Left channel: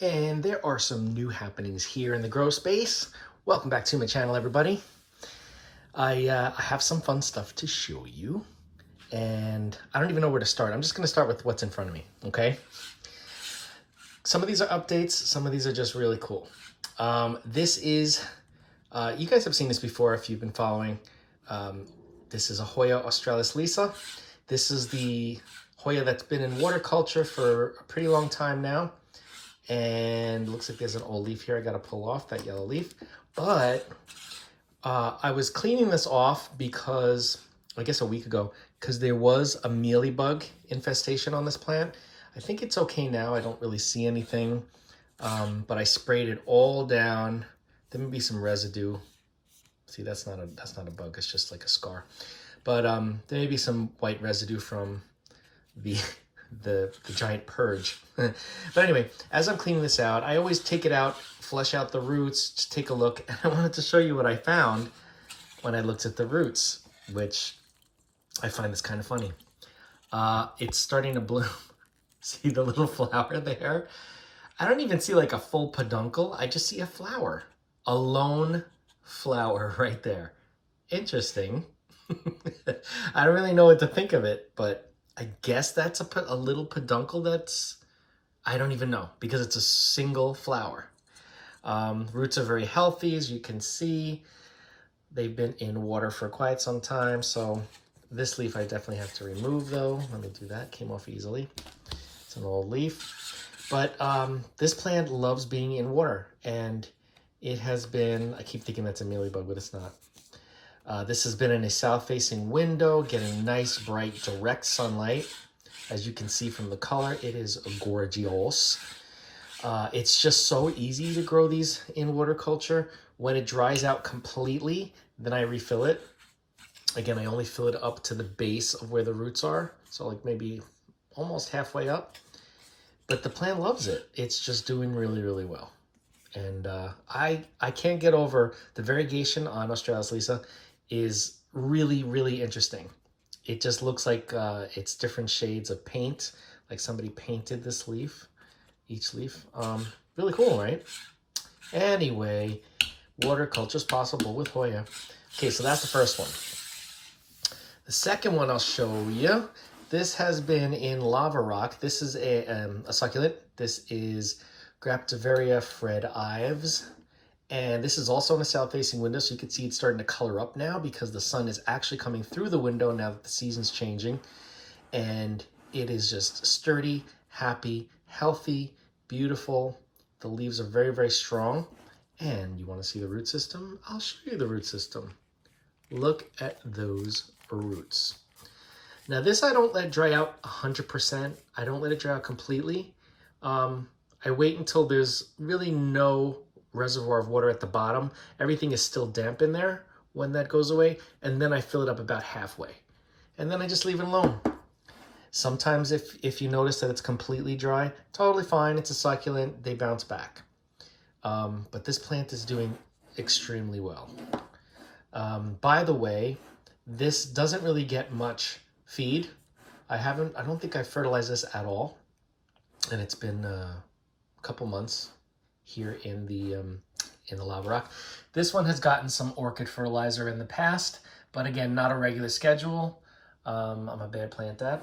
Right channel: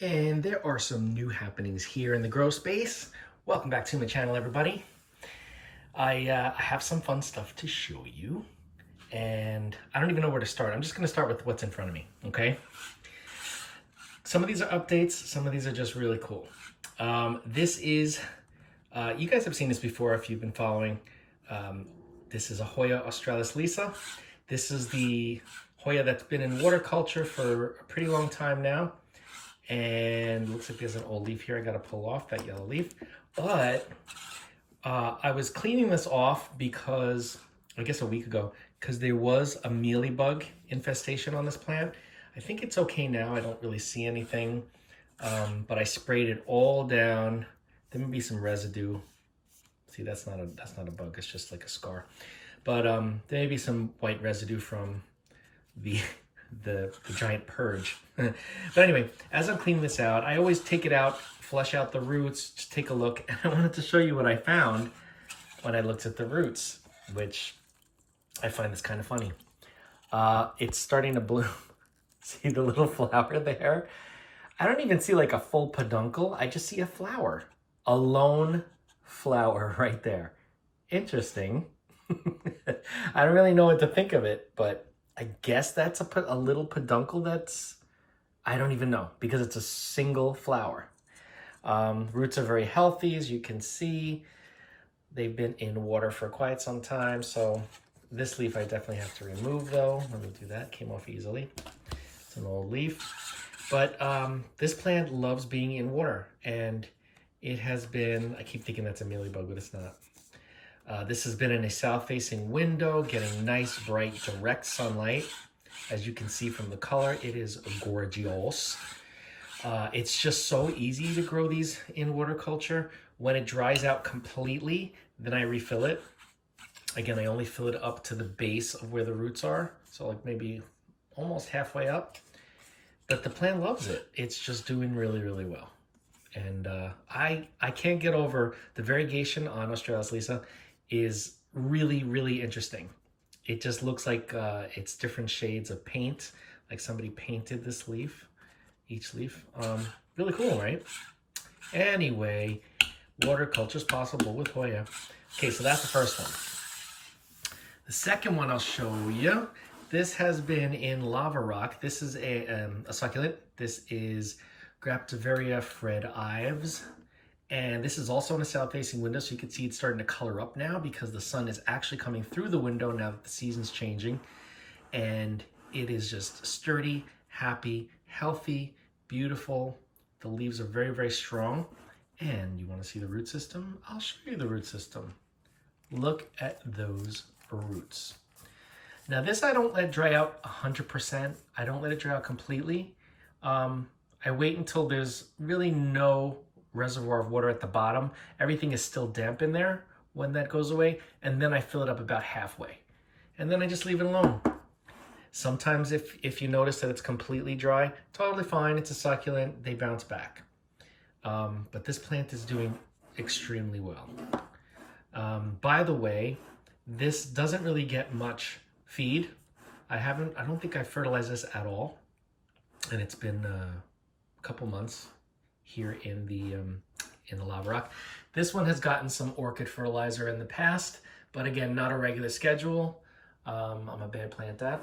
And there are some new happenings here in the grow space. Welcome back to my channel, everybody. I have some fun stuff to show you, and I don't even know where to start. I'm just going to start with what's in front of me, okay? Some of these are updates. Some of these are just really cool. This is, you guys have seen this before if you've been following. This is a Hoya Australis Lisa. This is the Hoya that's been in water culture for a pretty long time now. And looks like there's an old leaf here I gotta pull off, that yellow leaf. But I was cleaning this off because, I guess a week ago, because there was a mealybug infestation on this plant. I think it's okay now, I don't really see anything. But I sprayed it all down. There may be some residue. See, that's not a bug, it's just like a scar. But there may be some white residue from the giant purge. But anyway, as I'm cleaning this out, I always take it out, flesh out the roots, just take a look. And I wanted to show you what I found when I looked at the roots, which I find is kind of funny. It's starting to bloom. See the little flower there? I don't even see like a full peduncle. I just see a flower, a lone flower right there. Interesting. I don't really know what to think of it, but I guess that's a little peduncle that's, I don't even know, because it's a single flower. Roots are very healthy, as you can see. They've been in water for quite some time, so this leaf I definitely have to remove though. Let me do that, came off easily. It's an old leaf. But this plant loves being in water, and it has been, I keep thinking that's a mealybug, but it's not. This has been in a south-facing window, getting nice, bright, direct sunlight. As you can see from the color, it is gorgeous. It's just so easy to grow these in water culture. When it dries out completely, then I refill it. Again, I only fill it up to the base of where the roots are, so like maybe almost halfway up. But the plant loves it. It's just doing really, really well. And I can't get over the variegation on Australis Lisa is really, really interesting. It just looks like it's different shades of paint, like somebody painted this leaf, each leaf. Really cool, right? Anyway, water culture is possible with Hoya. Okay, so that's the first one. The second one I'll show you, this has been in lava rock. This is a succulent. This is Graptopedum Paraguayans. And this is also in a south-facing window, so you can see it's starting to color up now because the sun is actually coming through the window now that the season's changing. And it is just sturdy, happy, healthy, beautiful. The leaves are very, very strong. And you want to see the root system? I'll show you the root system. Look at those roots. Now this I don't let dry out 100%. I don't let it dry out completely. I wait until there's really no reservoir of water at the bottom. Everything is still damp in there when that goes away, and then I fill it up about halfway. And then I just leave it alone. Sometimes if you notice that it's completely dry, totally fine, it's a succulent, they bounce back. But this plant is doing extremely well. By the way, this doesn't really get much feed. I don't think I've fertilized this at all. And it's been a couple months here in the lava rock. This one has gotten some orchid fertilizer in the past, but again, not a regular schedule. I'm a bad plant dad.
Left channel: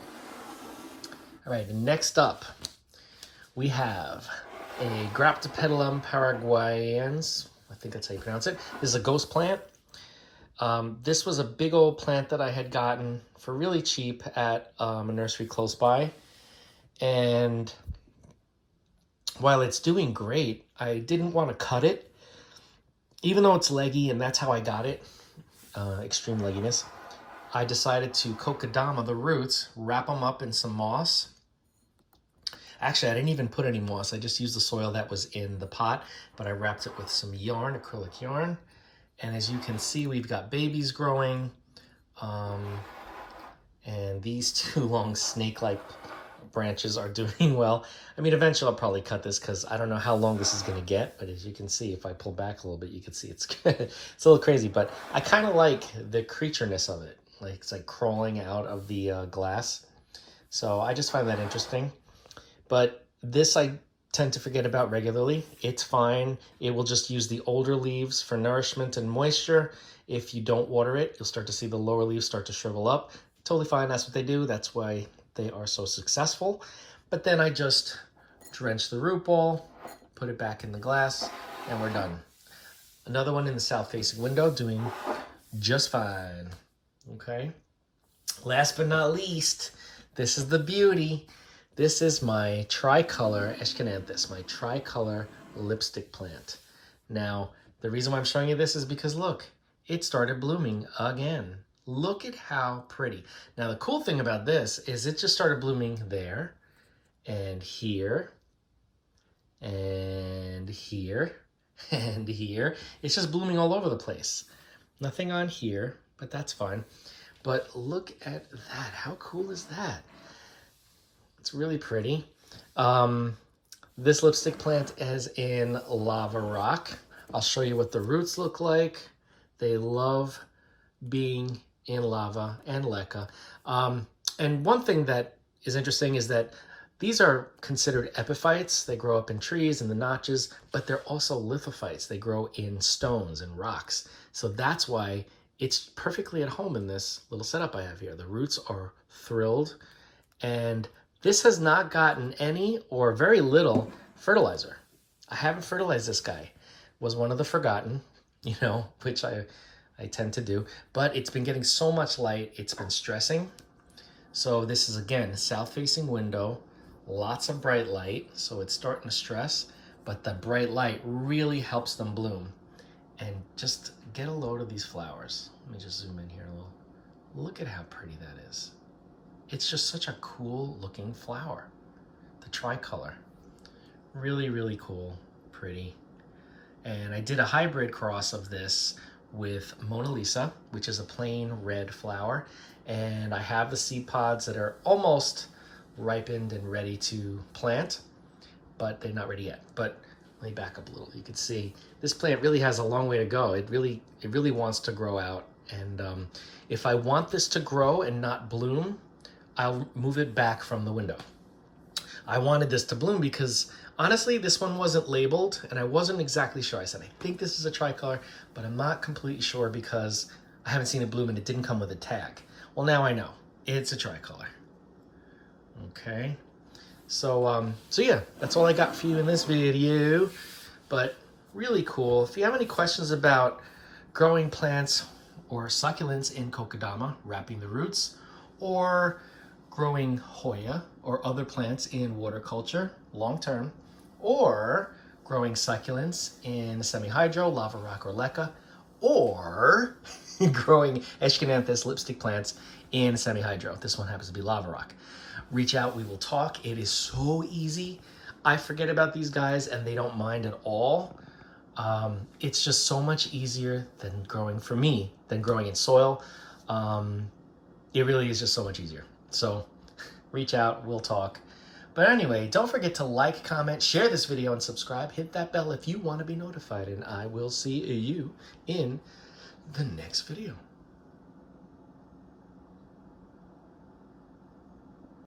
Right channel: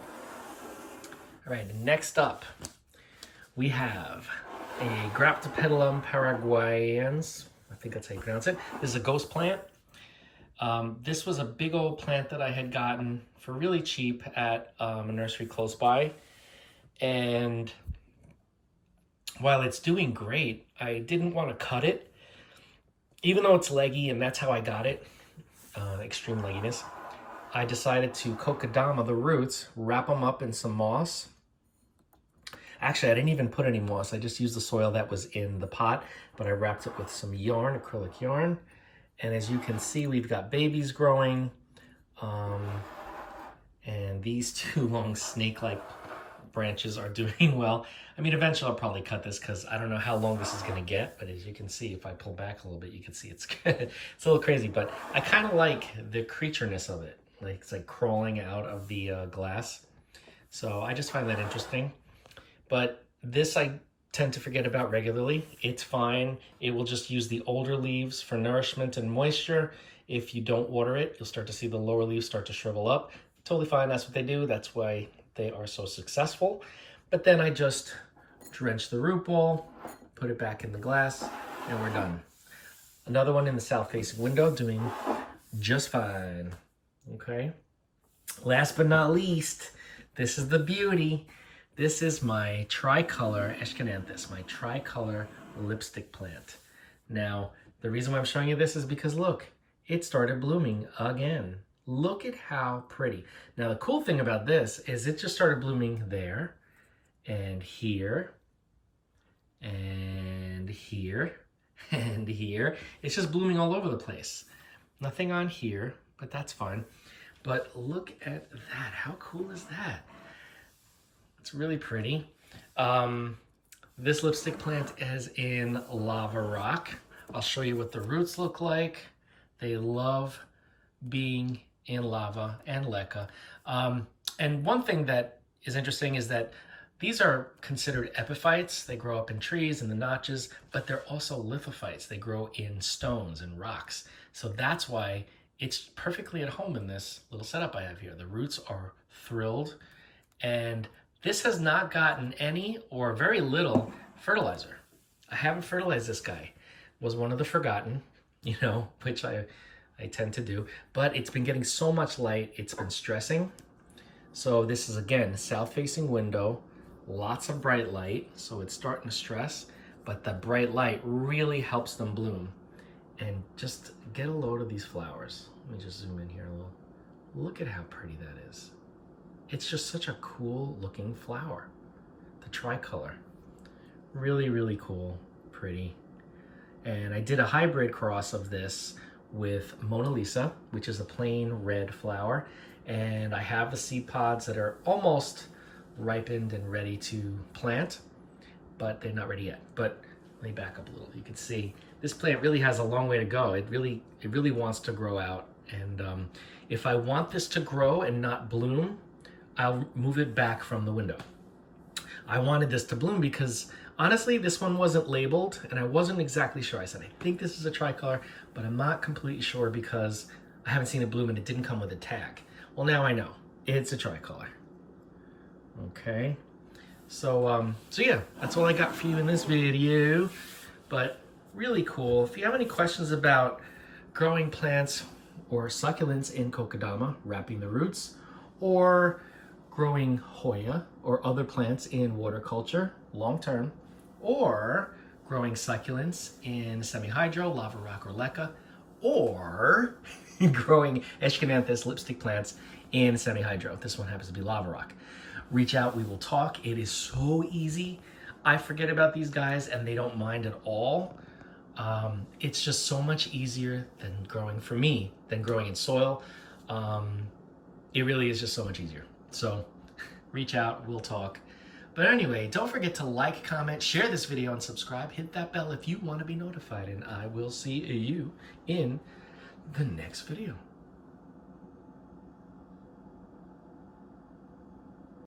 All right, next up, we have a Graptopedum Paraguayans. I think that's how you pronounce it. This is a ghost plant. This was a big old plant that I had gotten for really cheap at a nursery close by. And while it's doing great, I didn't want to cut it. Even though it's leggy, and that's how I got it, extreme legginess, I decided to kokedama the roots, wrap them up in some moss. Actually, I didn't even put any moss. I just used the soil that was in the pot, but I wrapped it with some yarn, acrylic yarn. And as you can see, we've got babies growing. And these two long snake-like branches are doing well. I mean, eventually I'll probably cut this because I don't know how long this is going to get, but as you can see, if I pull back a little bit, you can see it's it's a little crazy, but I kind of like the creatureness of it. Like it's like crawling out of the glass. So I just find that interesting. But this I tend to forget about regularly. It's fine. It will just use the older leaves for nourishment and moisture. If you don't water it, you'll start to see the lower leaves start to shrivel up. Totally fine, that's what they do. That's why they are so successful. But then I just drench the root ball, put it back in the glass, and we're done. Another one in the south-facing window doing just fine, okay? Last but not least, this is the beauty. This is my Tricolor Eschenanthus, my Tricolor lipstick plant. Now, the reason why I'm showing you this is because look, it started blooming again. Look at how pretty. Now, the cool thing about this is it just started blooming there and here and here and here. It's just blooming all over the place. Nothing on here, but that's fine. But look at that. How cool is that? It's really pretty. This lipstick plant is in lava rock. I'll show you what the roots look like. They love being in lava and leca. And one thing that is interesting is that these are considered epiphytes. They grow up in trees and the notches, but they're also lithophytes. They grow in stones and rocks. So that's why it's perfectly at home in this little setup I have here. The roots are thrilled, and this has not gotten any or very little fertilizer. I haven't fertilized this guy. Was one of the forgotten, you know, which I tend to do, but it's been getting so much light, it's been stressing. So this is, again, south-facing window, lots of bright light, so it's starting to stress, but the bright light really helps them bloom. And just get a load of these flowers. Let me just zoom in here a little. Look at how pretty that is. It's just such a cool looking flower. The Tricolor. Really, really cool, pretty. And I did a hybrid cross of this with Mona Lisa, which is a plain red flower. And I have the seed pods that are almost ripened and ready to plant, but they're not ready yet. But let me back up a little. You can see this plant really has a long way to go. It really wants to grow out. And if I want this to grow and not bloom, I'll move it back from the window. I wanted this to bloom because honestly, this one wasn't labeled and I wasn't exactly sure. I said, I think this is a Tricolor, but I'm not completely sure because I haven't seen it bloom and it didn't come with a tag. Well, now I know it's a Tricolor. Okay. So yeah, that's all I got for you in this video, but really cool. If you have any questions about growing plants or succulents in kokedama, wrapping the roots, or growing Hoya or other plants in water culture long-term, or growing succulents in semi-hydro, lava rock, or leca, or growing Eschenanthus lipstick plants in semi-hydro. This one happens to be lava rock. Reach out, we will talk. It is so easy. I forget about these guys and they don't mind at all. It's just so much easier than growing, for me, than growing in soil. It really is just so much easier. So reach out, we'll talk. But anyway, don't forget to like, comment, share this video, and subscribe. Hit that bell if you want to be notified, and I will see you in the next video.